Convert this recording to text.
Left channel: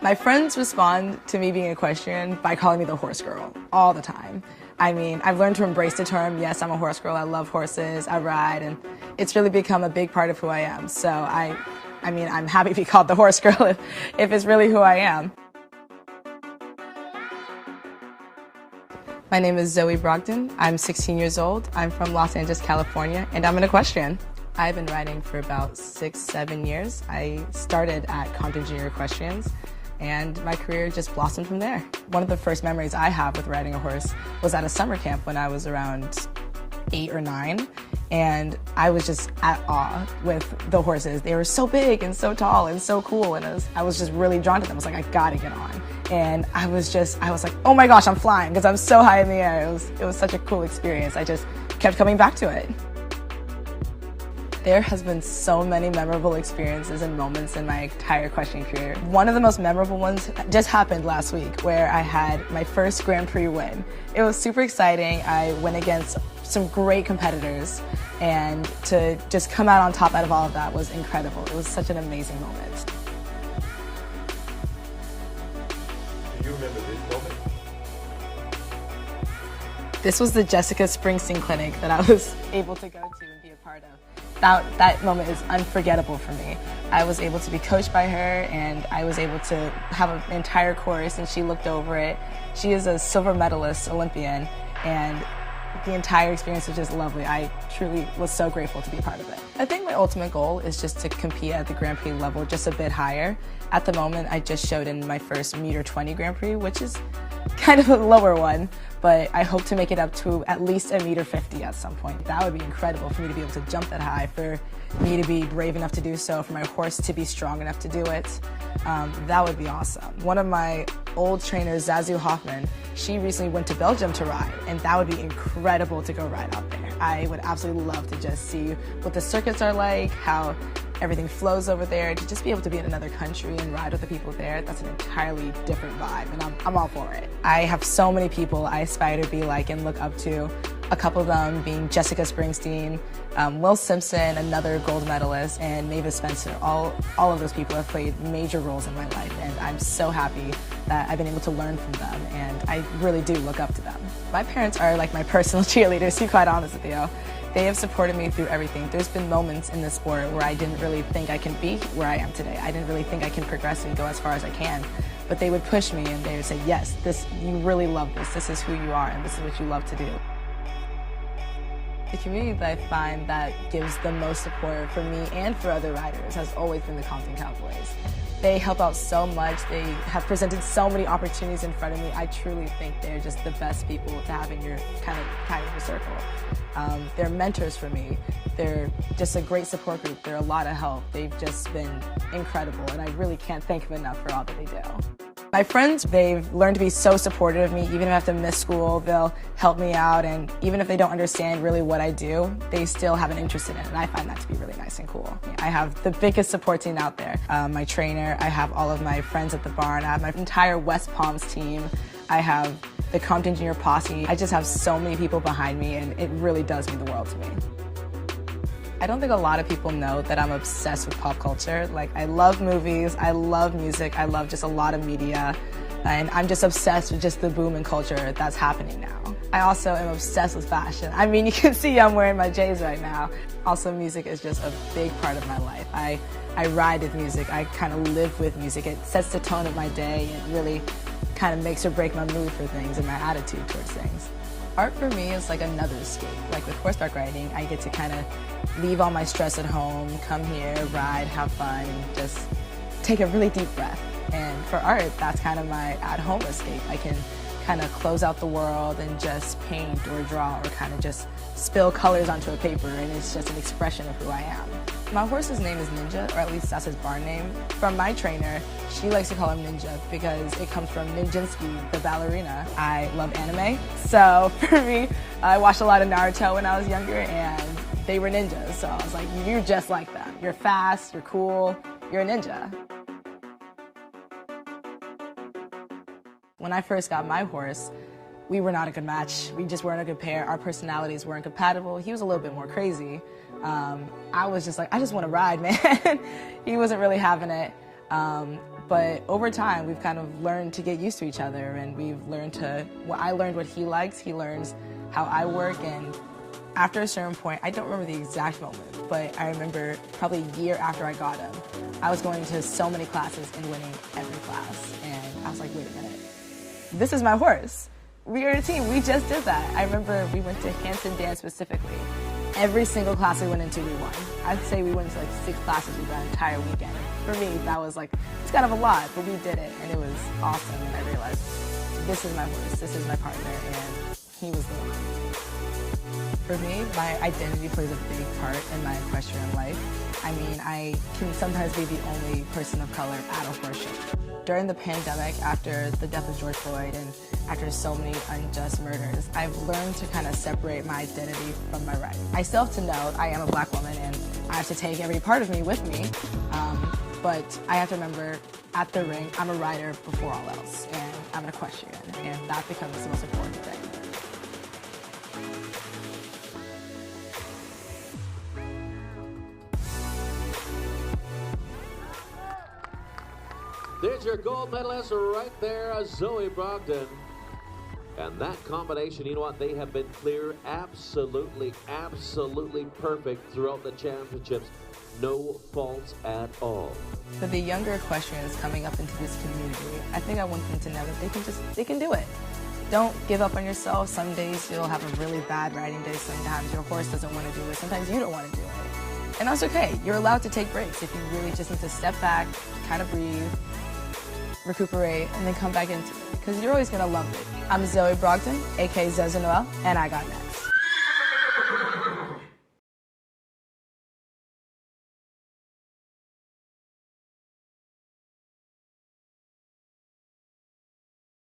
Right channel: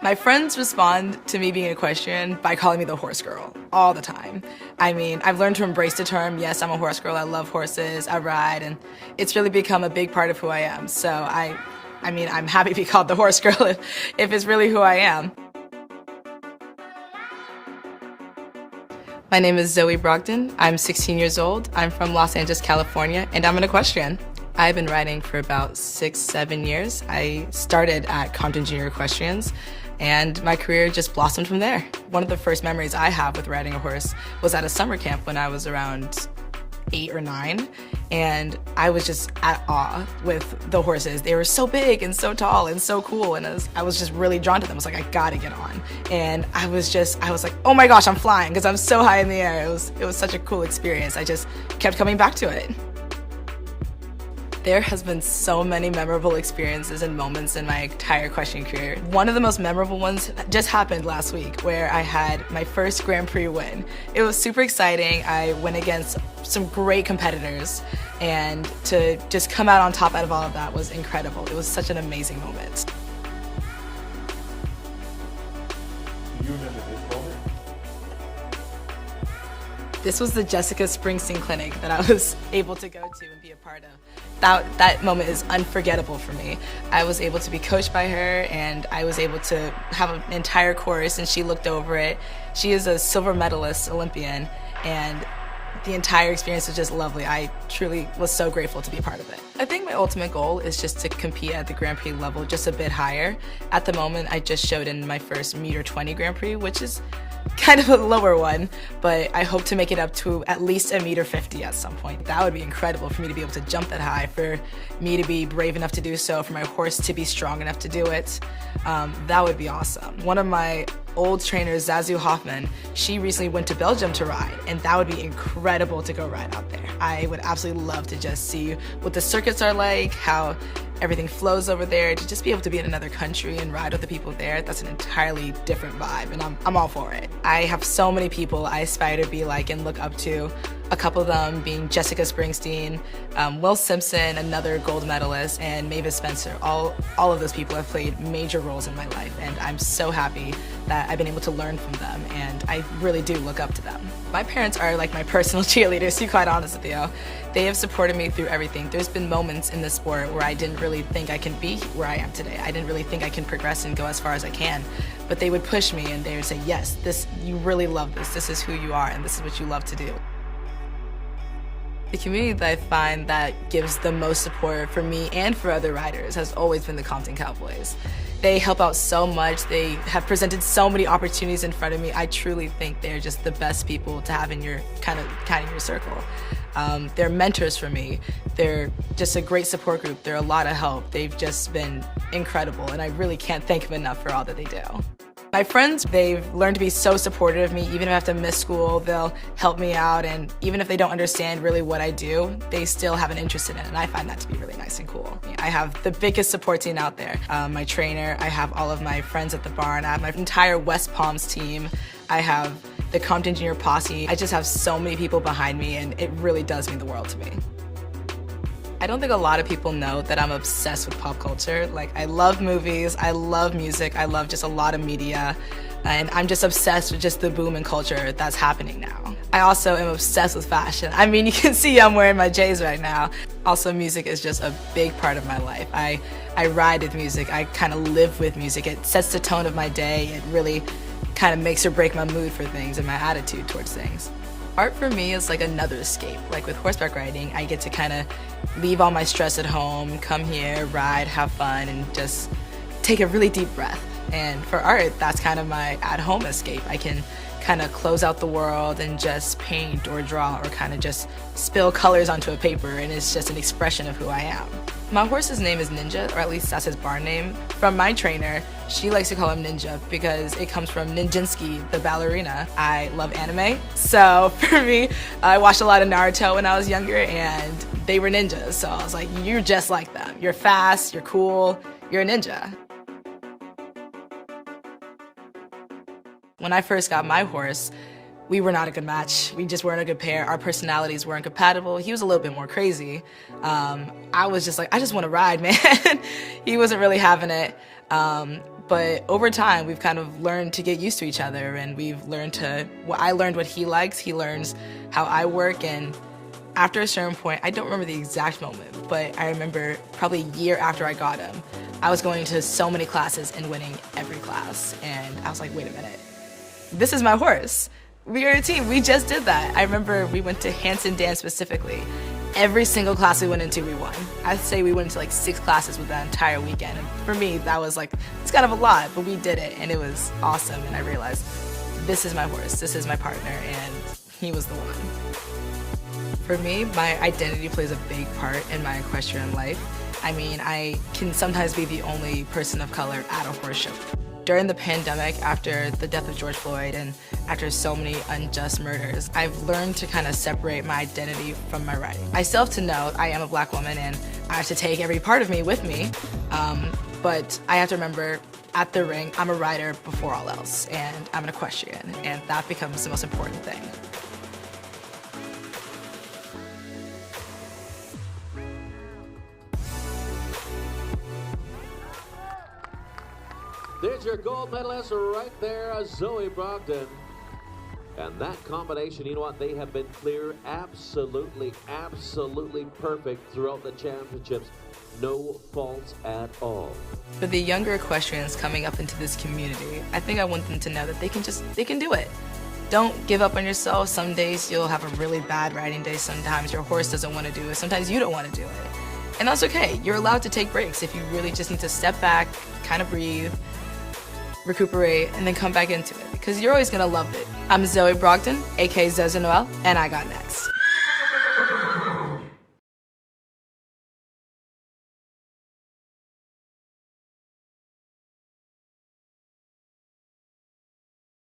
My friends respond to me being an equestrian by calling me the horse girl all the time. I mean, I've learned to embrace the term. Yes, I'm a horse girl. I love horses. I ride, and it's really become a big part of who I am. So I mean, I'm happy to be called the horse girl if it's really who I am. My name is Zoie Brogdon. I'm 16 years old. I'm from Los Angeles, California, and I'm an equestrian. I've been riding for about 6-7 years. I started at Compton Junior Equestrians, and my career just blossomed from there. One of the first memories I have with riding a horse was at a summer camp when I was around 8 or 9, and I was just at awe with the horses. They were so big and so tall and so cool, and I was just really drawn to them. I was like, I gotta get on. And I was like, oh my gosh, I'm flying, because I'm so high in the air. It was such a cool experience. I just kept coming back to it. There has been so many memorable experiences and moments in my entire equestrian career. One of the most memorable ones just happened last week, where I had my first Grand Prix win. It was super exciting. I went against some great competitors, and to just come out on top out of all of that was incredible. It was such an amazing moment. Do you remember this moment? This was the Jessica Springsteen clinic that I was able to go to and be a part of. That moment is unforgettable for me. I was able to be coached by her, and I was able to have an entire course, and she looked over it. She is a silver medalist Olympian, and the entire experience was just lovely. I truly was so grateful to be a part of it. I think my ultimate goal is just to compete at the Grand Prix level just a bit higher. At the moment, I just showed in my first 1.20 Grand Prix, which is kind of a lower one, but I hope to make it up to at least 1.50 at some point. That would be incredible for me to be able to jump that high, for me to be brave enough to do so, for my horse to be strong enough to do it. That would be awesome. One of my old trainers, Zazu Hoffman, she recently went to Belgium to ride, and that would be incredible to go ride out there. I would absolutely love to just see what the circuits are like, how everything flows over there, to just be able to be in another country and ride with the people there. That's an entirely different vibe, and I'm all for it. I have so many people I aspire to be like and look up to. A couple of them being Jessica Springsteen, Will Simpson, another gold medalist, and Mavis Spencer. All of those people have played major roles in my life, and I'm so happy that I've been able to learn from them, and I really do look up to them. My parents are like my personal cheerleaders, to be quite honest with you. They have supported me through everything. There's been moments in the sport where I didn't really think I can be where I am today. I didn't really think I can progress and go as far as I can. But they would push me, and they would say, yes, you really love this. This is who you are, and this is what you love to do. The community that I find that gives the most support for me and for other riders has always been the Compton Cowboys. They help out so much. They have presented so many opportunities in front of me. I truly think they're just the best people to have in your kind of your circle. They're mentors for me. They're just a great support group. They're a lot of help. They've just been incredible, and I really can't thank them enough for all that they do. My friends, they've learned to be so supportive of me. Even if I have to miss school, they'll help me out, and even if they don't understand really what I do, they still have an interest in it, and I find that to be really nice and cool. I have the biggest support team out there. My trainer, I have all of my friends at the barn, I have my entire West Palms team, I have the Compton Junior Posse. I just have so many people behind me, and it really does mean the world to me. I don't think a lot of people know that I'm obsessed with pop culture. Like, I love movies, I love music, I love just a lot of media, and I'm just obsessed with just the boom in culture that's happening now. I also am obsessed with fashion. I mean, you can see I'm wearing my J's right now. Also, music is just a big part of my life. I ride with music, I kind of live with music. It sets the tone of my day. It really kind of makes or break my mood for things and my attitude towards things. Art for me is like another escape. Like with horseback riding, I get to kind of leave all my stress at home, come here, ride, have fun, and just take a really deep breath. And for art, that's kind of my at-home escape. I can kind of close out the world and just paint or draw or kind of just spill colors onto a paper, and it's just an expression of who I am. My horse's name is Ninja, or at least that's his barn name. From my trainer, she likes to call him Ninja because it comes from Ninjinsky, the ballerina. I love anime, so for me, I watched a lot of Naruto when I was younger, and they were ninjas, so I was like, you're just like them. You're fast, you're cool, you're a ninja. When I first got my horse, we were not a good match. We just weren't a good pair. Our personalities weren't compatible. He was a little bit more crazy. I was just like, I just want to ride, man. He wasn't really having it. But over time, we've kind of learned to get used to each other, and we've learned I learned what he likes, he learns how I work, and after a certain point, I don't remember the exact moment, but I remember probably a year after I got him, I was going to so many classes and winning every class, and I was like, wait a minute, this is my horse. We are a team, we just did that. I remember we went to Hanson dance specifically. Every single class we went into, we won. I'd say we went into like 6 classes with that entire weekend. For me, that was like, it's kind of a lot, but we did it, and it was awesome, and I realized, this is my horse, this is my partner, and he was the one. For me, my identity plays a big part in my equestrian life. I mean, I can sometimes be the only person of color at a horse show. During the pandemic, after the death of George Floyd and after so many unjust murders, I've learned to kind of separate my identity from my riding. I still have to know I am a black woman and I have to take every part of me with me, but I have to remember at the ring, I'm a rider before all else, and I'm an equestrian, and that becomes the most important thing. There's your gold medalist right there, Zoie Brogdon. And that combination, you know what, they have been clear, absolutely perfect throughout the championships. No faults at all. For the younger equestrians coming up into this community, I think I want them to know that they can do it. Don't give up on yourself. Some days you'll have a really bad riding day. Sometimes your horse doesn't want to do it. Sometimes you don't want to do it. And that's okay. You're allowed to take breaks if you really just need to step back, kind of breathe, recuperate, and then come back into it, because you're always going to love it. I'm Zoie Brogdon, aka Zoie Noel, and I got next.